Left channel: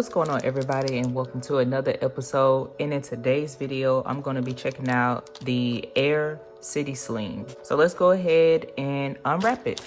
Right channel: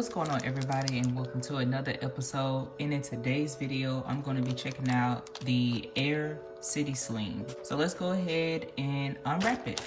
What's going on, everybody, and welcome to another episode. And in today's video, I'm going to be checking out the Air City Sling. So let's go ahead and unwrap it.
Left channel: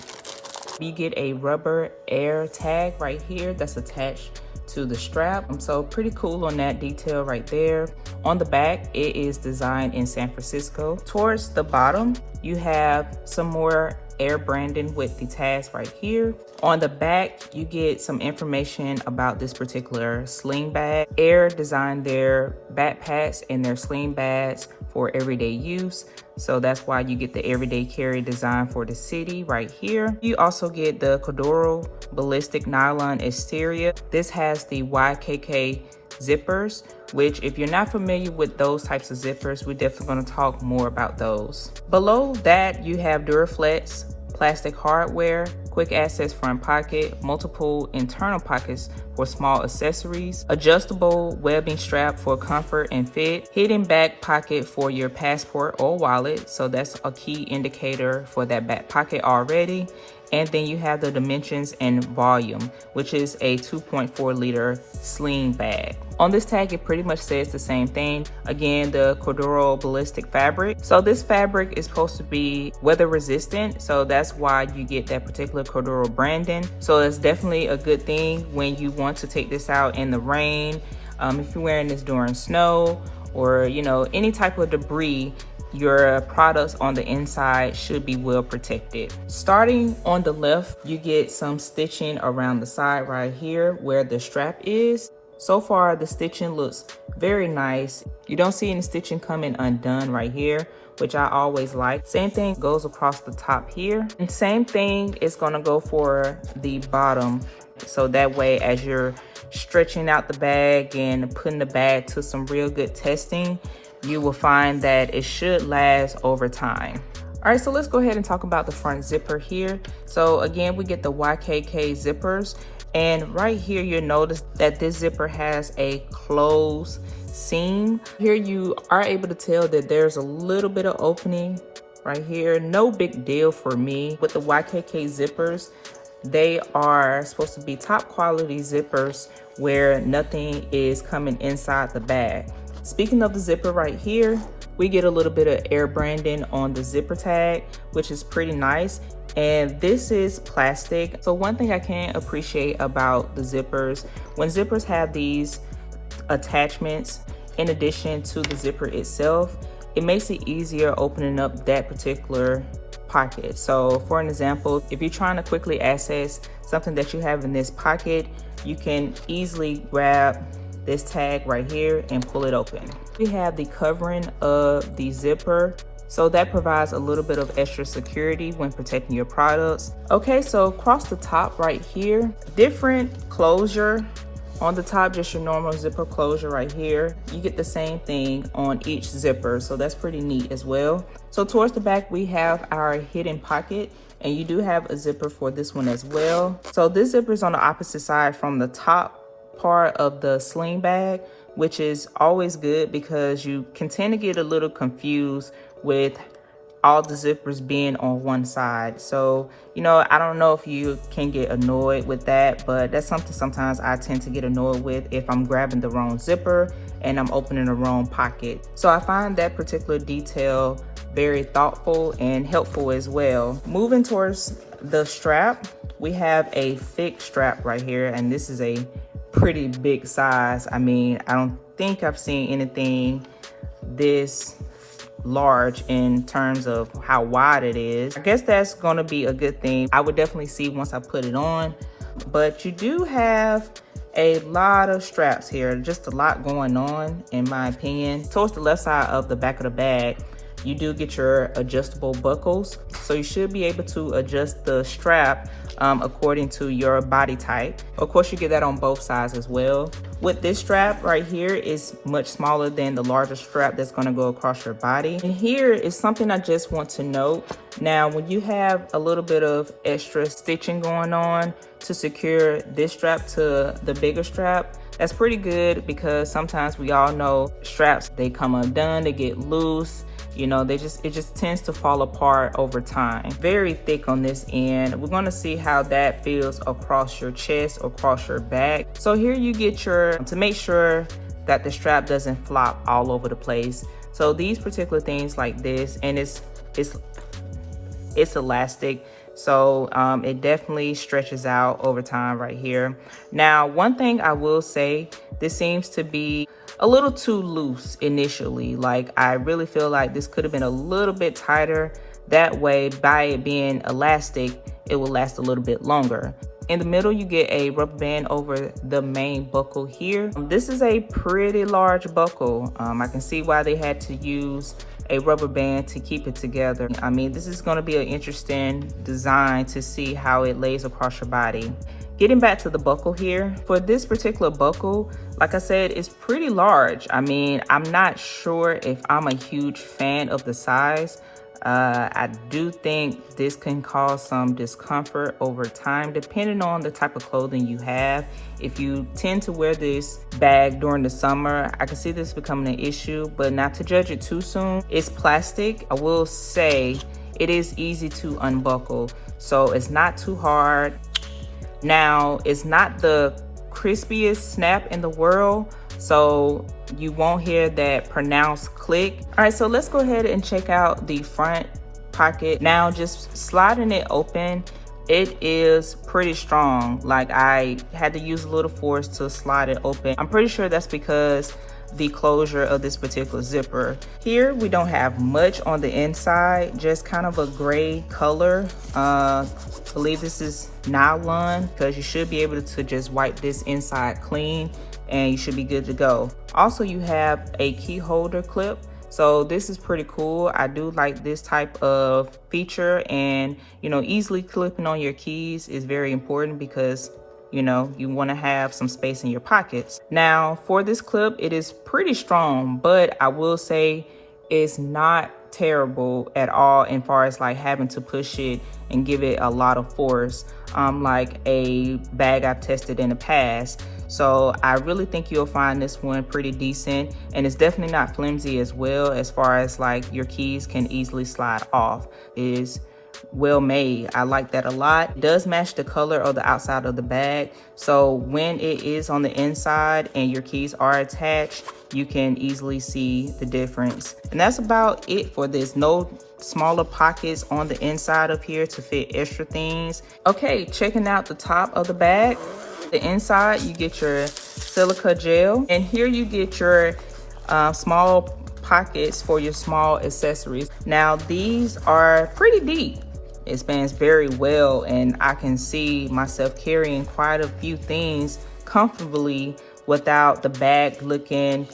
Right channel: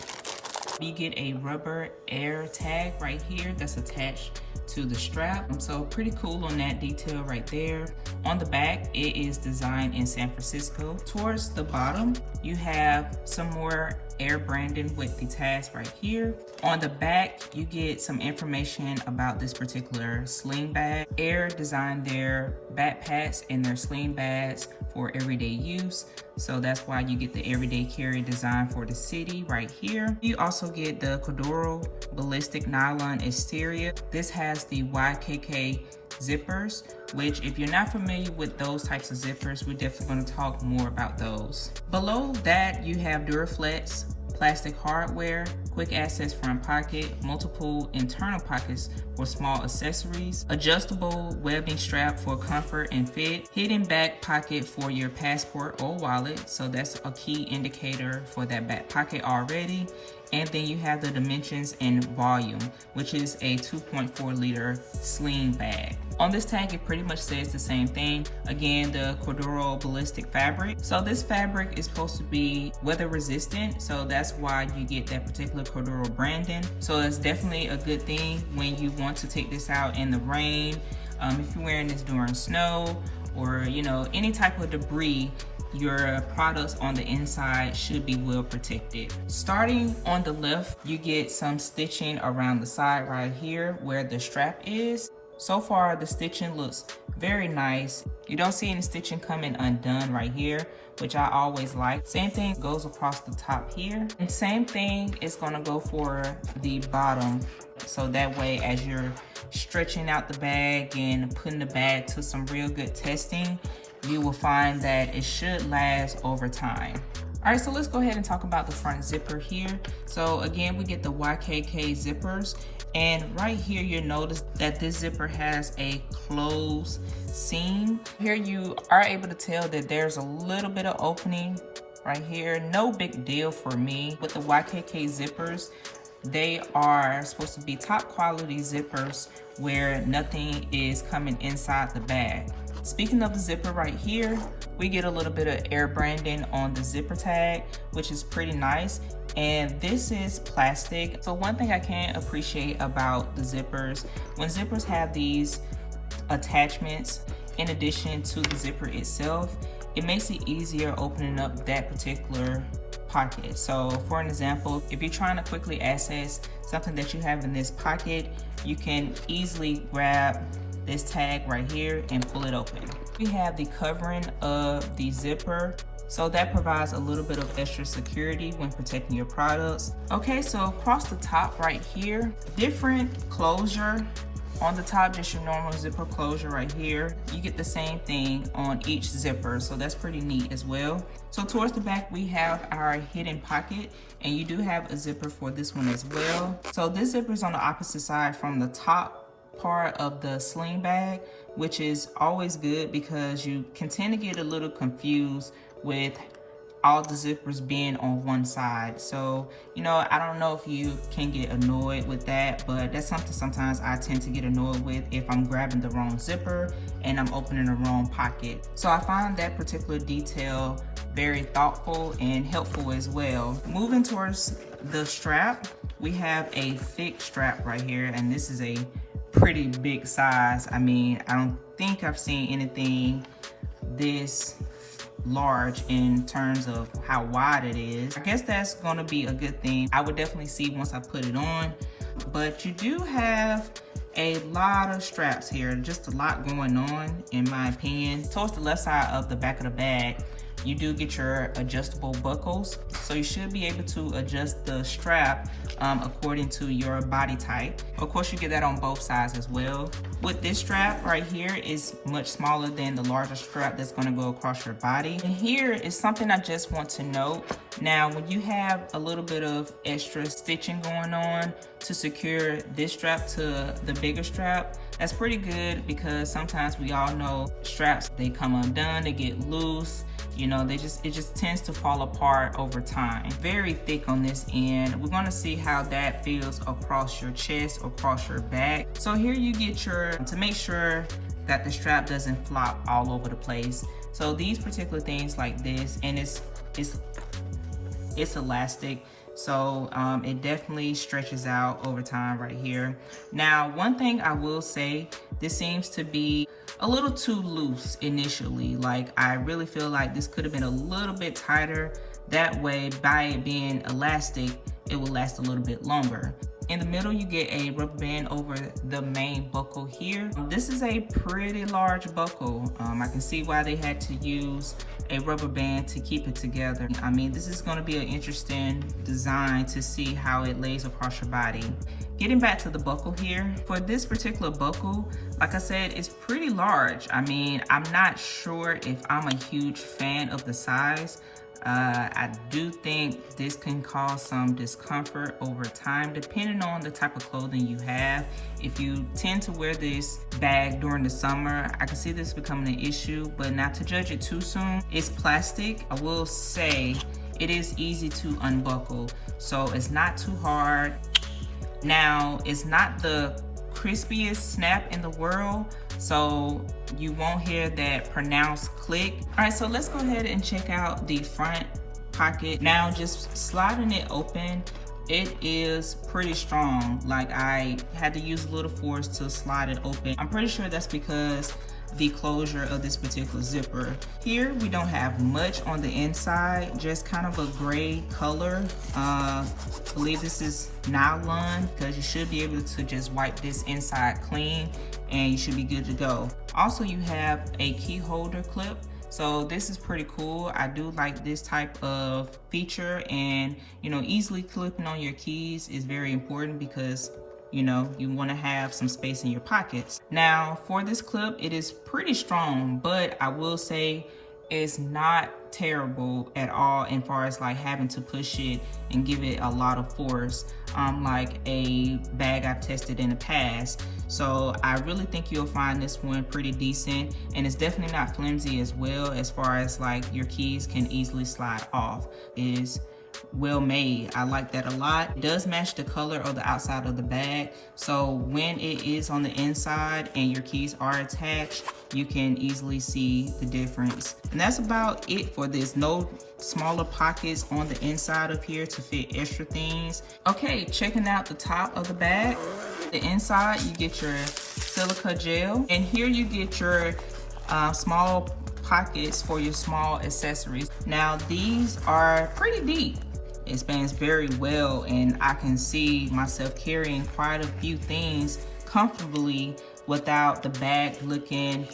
You get a rubber air tag right here that's attached to the strap. So pretty cool on that detail right there. On the back, it is designed in San Francisco. Towards the bottom, you have some more air branding with the tags right here. On the back, you get some information about this particular sling bag. Air designed their backpacks and their sling bags for everyday use. So that's why you get the everyday carry design for the city right here. You also get the Corduro ballistic nylon exterior. This has the YKK zippers, which if you're not familiar with those types of zippers, we're definitely going to talk more about those. Below that, you have Duraflex plastic hardware, quick access front pocket, multiple internal pockets for small accessories, adjustable webbing strap for comfort and fit, hidden back pocket for your passport or wallet. So that's a key indicator for that back pocket already. And then you have the dimensions and volume, which is a 2.4 liter sling bag. On this tag, it pretty much says the same thing. Again, the Corduro ballistic fabric. So this fabric is supposed to be weather resistant. So that's why you get that particular Corduro branding. So it's definitely a good thing when you want to take this out in the rain. If you're wearing this during snow or, any type of debris, your products on the inside should be well protected. Starting on the left, you get some stitching around the side right here where the strap is. So far, the stitching looks very nice. You don't see any stitching coming undone right here, which I always like. Same thing goes across the top here. And same thing is gonna go for the bottom. So that way, as you're stretching out the bag and putting the bag to some real good testing, you will find that it should last over time. All right, so let's go ahead and talk about the front zipper here. So again, we get the YKK zippers. And right here, you'll notice that this zipper has a closed seam. Here you are able to tell that there's a little bit of opening right here. No big deal for me. With the YKK zippers, they are supposed to be top quality zippers where nothing is coming inside the bag. Speaking of the zipper right here, we get a little bit of air branding on the zipper tag, which is pretty nice. And this is plastic. So one thing I can appreciate about the zippers, when zippers have these attachments in addition to the zipper itself, it makes it easier opening up that particular pocket. So for an example, if you're trying to quickly access something that you have in this pocket, you can easily grab this tag right here and pull it open. We have the covering of the zipper, so that provides a little bit of extra security when protecting your products. Okay, so across the top right here, different closure. On the top, just your normal zipper closure right here. You get the same thing on each zipper, so that's pretty neat as well. So towards the back, we have our hidden pocket, and you do have a zipper for this one as well. So this zipper is on the opposite side from the top part of the sling bag, which is always good because you can tend to get a little confused with all the zippers being on one side. So, I don't know if you can get annoyed with that, but that's something sometimes I tend to get annoyed with if I'm grabbing the wrong zipper and I'm opening the wrong pocket. So I find that particular detail very thoughtful and helpful as well. Moving towards the strap, we have a thick strap right here, and this is a pretty big size. I mean, I don't think I've seen anything this large in terms of how wide it is. I guess that's gonna be a good thing. I would definitely see once I put it on, but you do have a lot of straps here, just a lot going on in my opinion. Towards the left side of the back of the bag, you do get your adjustable buckles. So you should be able to adjust the strap according to your body type. Of course, you get that on both sides as well. With this strap right here is much smaller than the larger strap that's gonna go across your body. And here is something I just want to note. Now, when you have a little bit of extra stitching going on to secure this strap to the bigger strap, that's pretty good because sometimes we all know straps, they come undone, they get loose, You know, it just tends to fall apart over time. Very thick on this end. We're gonna see how that feels across your chest, across your back. So here you get to make sure that the strap doesn't flop all over the place. So these particular things like this, and it's elastic. So it definitely stretches out over time right here. Now, one thing I will say, this seems to be a little too loose initially. Like, I really feel like this could have been a little bit tighter. That way, by it being elastic, it will last a little bit longer. In the middle, you get a rubber band over the main buckle here. This is a pretty large buckle. I can see why they had to use a rubber band to keep it together. I mean, this is going to be an interesting design to see how it lays across your body. Getting back to the buckle here, for this particular buckle, like I said, it's pretty large. I mean, I'm not sure if I'm a huge fan of the size. I do think this can cause some discomfort over time, depending on the type of clothing you have. If you tend to wear this bag during the summer, I can see this becoming an issue, but not to judge it too soon. It's plastic. I will say it is easy to unbuckle, so it's not too hard. Now, it's not the crispiest snap in the world, so you won't hear that pronounced click. All right, so let's go ahead and check out the front pocket. Now, just sliding it open, it is pretty strong. Like, I had to use a little force to slide it open. I'm pretty sure that's because the closure of this particular zipper. Here, we don't have much on the inside, just kind of a gray color. I believe this is nylon, because you should be able to just wipe this inside clean and you should be good to go. Also, you have a key holder clip. So this is pretty cool. I do like this type of feature, and you know, easily clipping on your keys is very important because you know, you want to have some space in your pockets. Now, for this clip, it is pretty strong, but I will say it's not terrible at all as far as like having to push it and give it a lot of force, like a bag I've tested in the past. So I really think you'll find this one pretty decent, and it's definitely not flimsy as well, as far as like your keys can easily slide off. It is well made. I like that a lot. It does match the color of the outside of the bag, so when it is on the inside and your keys are attached, you can easily see the difference. And that's about it for this. No smaller pockets on the inside of here to fit extra things. Okay, checking out the top of the bag. The inside, you get your silica gel, and here you get your small pockets for your small accessories. Now, these are pretty deep. It spans very well, and I can see myself carrying quite a few things comfortably without the bag looking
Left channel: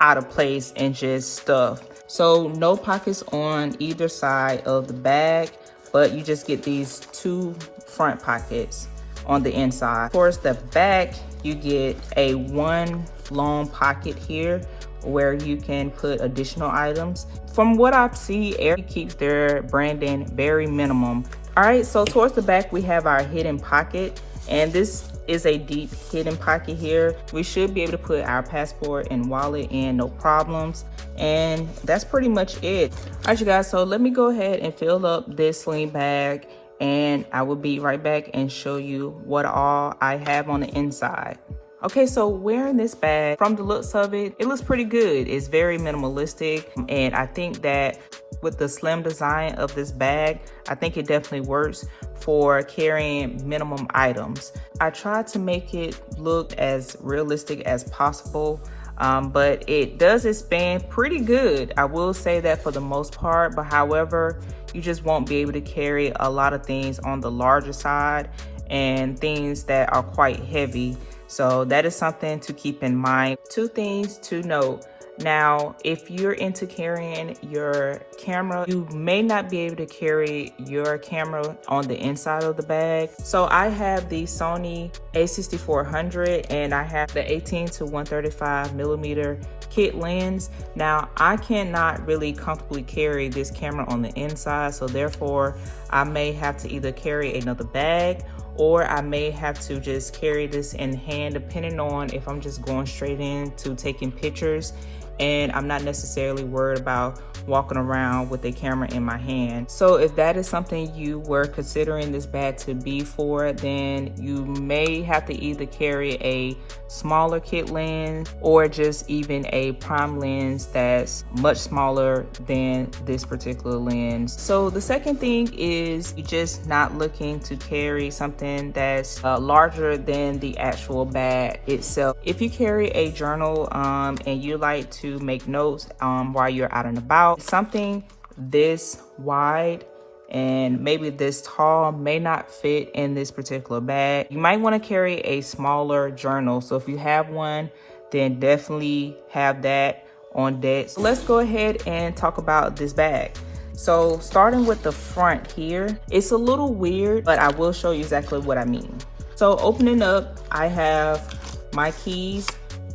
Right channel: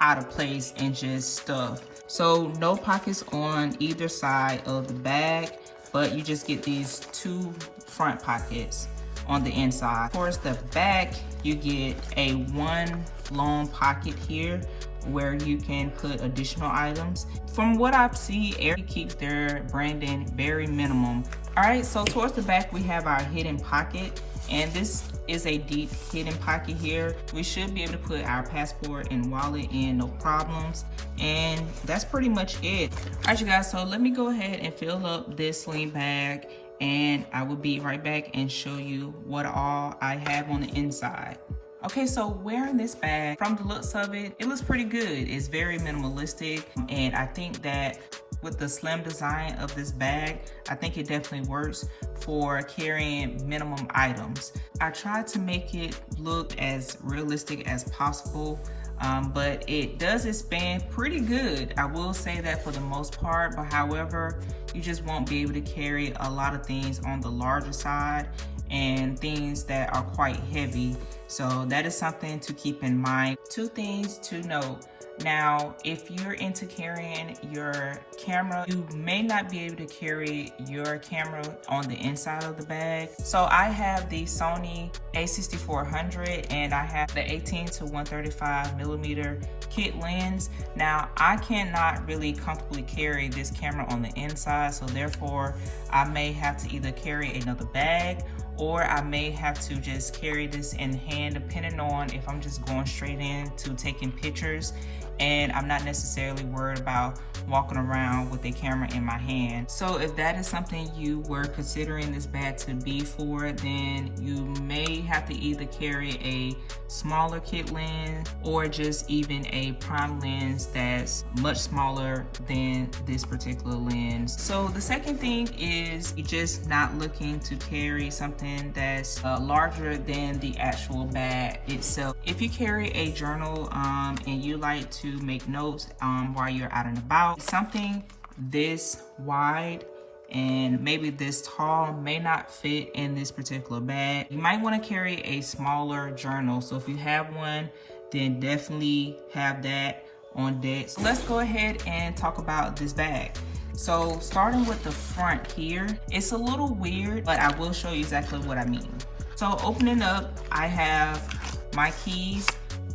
out of place and just stuff. So no pockets on either side of the bag, but you just get these two front pockets on the inside. Towards the back, you get a one long pocket here where you can put additional items. From what I see, Air keeps their branding very minimum. All right, so towards the back, we have our hidden pocket, and this is a deep hidden pocket here. We should be able to put our passport and wallet in, no problems. And that's pretty much it. All right, you guys, so let me go ahead and fill up this sling bag, and I will be right back and show you what all I have on the inside. Okay, so wearing this bag, from the looks of it, it looks pretty good. It's very minimalistic, and I think that with the slim design of this bag, I think it definitely works for carrying minimum items. I tried to make it look as realistic as possible, but it does expand pretty good. I will say that for the most part, but however, you just won't be able to carry a lot of things on the larger side and things that are quite heavy. So that is something to keep in mind. Two things to note. Now, if you're into carrying your camera, you may not be able to carry your camera on the inside of the bag. So I have the Sony a6400, and I have the 18 to 135 millimeter kit lens. Now, I cannot really comfortably carry this camera on the inside, so therefore I may have to either carry another bag, or I may have to just carry this in hand, depending on if I'm just going straight into taking pictures and I'm not necessarily worried about walking around with a camera in my hand. So if that is something you were considering this bag to be for, then you may have to either carry a smaller kit lens or just even a prime lens that's much smaller than this particular lens. So the second thing is you're just not looking to carry something that's larger than the actual bag itself. If you carry a journal and you like to make notes while you're out and about, something this wide and maybe this tall may not fit in this particular bag. You might want to carry a smaller journal. So if you have one, then definitely have that on deck. So let's go ahead and talk about this bag. So starting with the front here, it's a little weird, but I will show you exactly what I mean. So opening up, I have my keys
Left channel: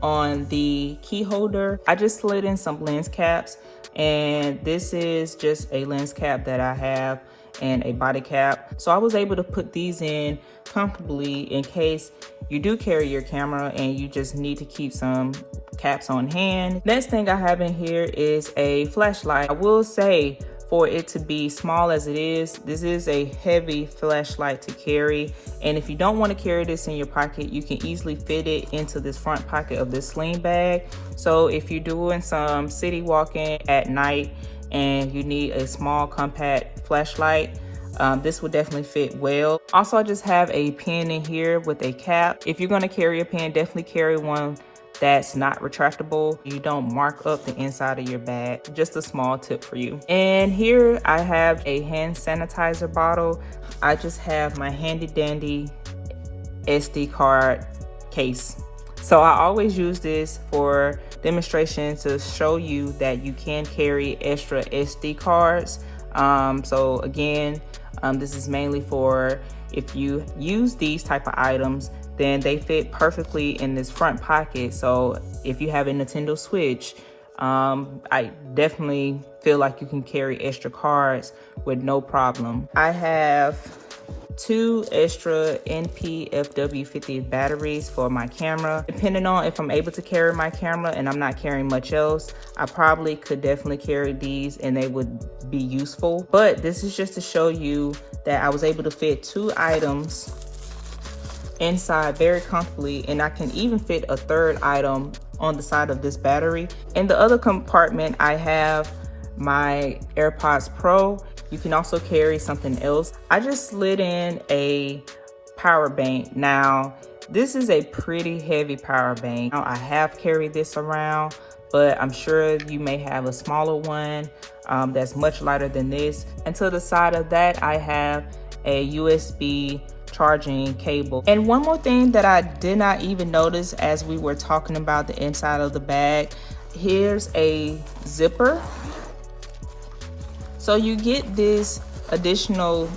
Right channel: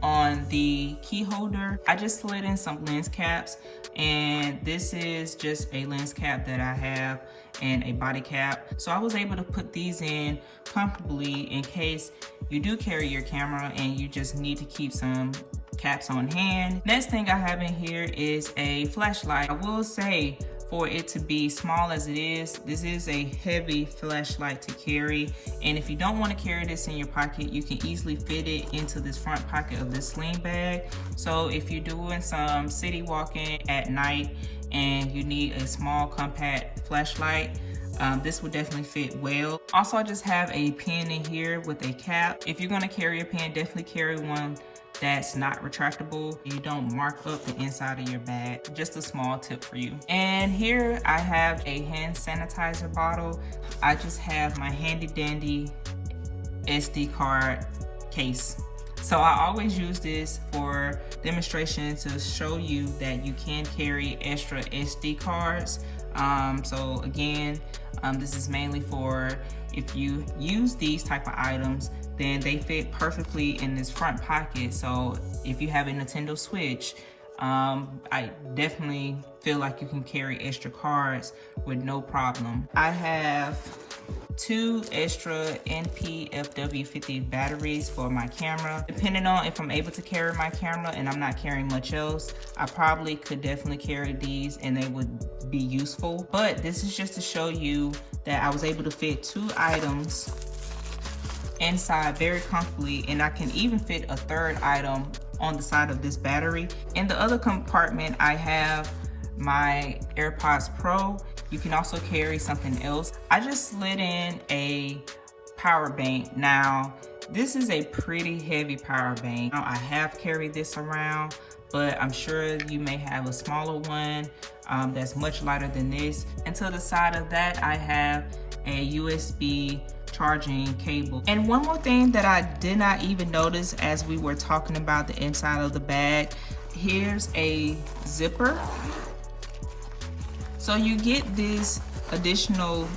on the key holder. I just slid in some lens caps, and this is just a lens cap that I have and a body cap. So I was able to put these in comfortably in case you do carry your camera and you just need to keep some caps on hand. Next thing I have in here is a flashlight. I will say, for it to be small as it is, this is a heavy flashlight to carry. And if you don't want to carry this in your pocket, you can easily fit it into this front pocket of this sling bag. So if you're doing some city walking at night and you need a small compact flashlight, this would definitely fit well. Also, I just have a pen in here with a cap. If you're going to carry a pen, definitely carry one that's not retractable. You don't mark up the inside of your bag. Just a small tip for you. And here I have a hand sanitizer bottle. I just have my handy dandy SD card case. So I always use this for demonstration to show you that you can carry extra SD cards. So again, this is mainly for if you use these type of items, then they fit perfectly in this front pocket. So if you have a Nintendo Switch, I definitely feel like you can carry extra cards with no problem. I have 2 extra NP-FW50 batteries for my camera. Depending on if I'm able to carry my camera and I'm not carrying much else, I probably could definitely carry these and they would be useful. But this is just to show you that I was able to fit 2 items inside very comfortably, and I can even fit a 3rd item on the side of this battery. In the other compartment, I have my AirPods Pro. You can also carry something else. I just slid in a power bank. Now, this is a pretty heavy power bank. Now, I have carried this around, but I'm sure you may have a smaller one that's much lighter than this. And to the side of that, I have a USB charging cable. And one more thing that I did not even notice as we were talking about the inside of the bag, here's a zipper. So you get this additional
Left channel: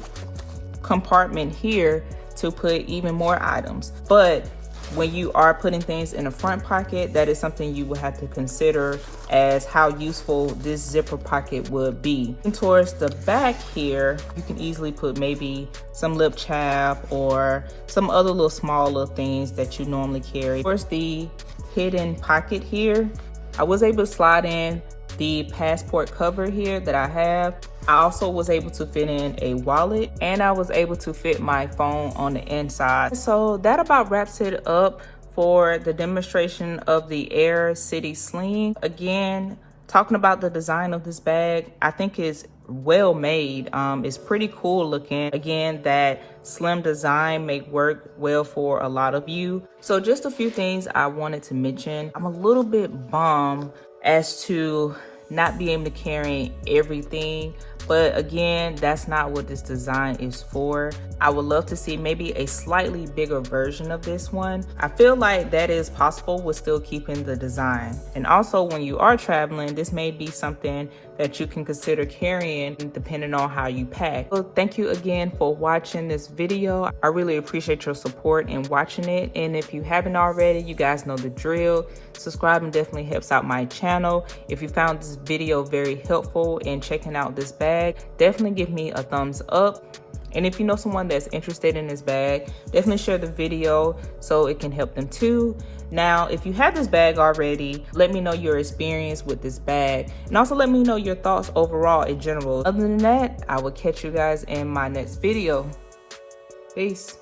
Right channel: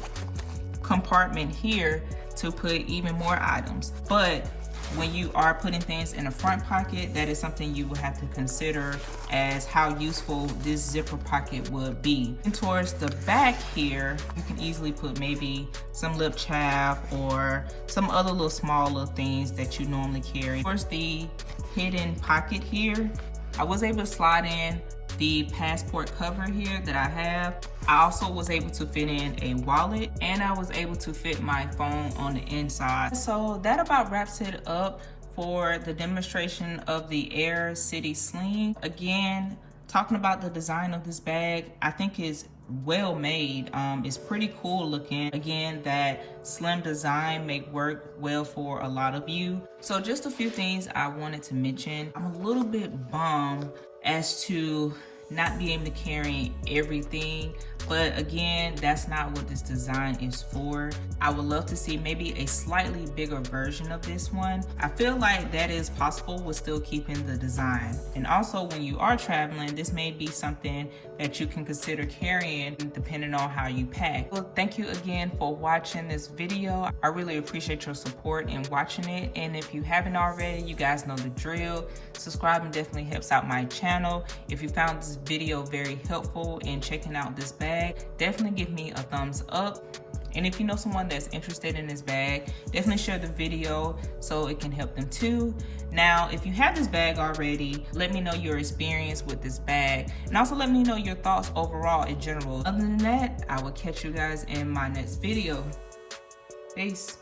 compartment here to put even more items. But when you are putting things in the front pocket, that is something you will have to consider as how useful this zipper pocket would be. And towards the back here, you can easily put maybe some lip chap or some other little smaller things that you normally carry. Towards the hidden pocket here, I was able to slide in the passport cover here that I have. I also was able to fit in a wallet, and I was able to fit my phone on the inside. So that about wraps it up for the demonstration of the Air City Sling. Again, talking about the design of this bag, I think it's well made. It's pretty cool looking. Again, that slim design may work well for a lot of you. So just a few things I wanted to mention. I'm a little bit bummed as to not be able to carry everything, but again, that's not what this design is for. I would love to see maybe a slightly bigger version of this one. I feel like that is possible with still keeping the design. And also, when you are traveling, this may be something that you can consider carrying depending on how you pack. So thank you again for watching this video. I really appreciate your support in watching it. And if you haven't already, you guys know the drill. Subscribing definitely helps out my channel. If you found this video very helpful in checking out this bag, definitely give me a thumbs up. And if you know someone that's interested in this bag, definitely share the video so it can help them too. Now, if you have this bag already, let me know your experience with this bag, and also let me know your thoughts overall in general. Other than that, I will catch you guys in my next video. Peace.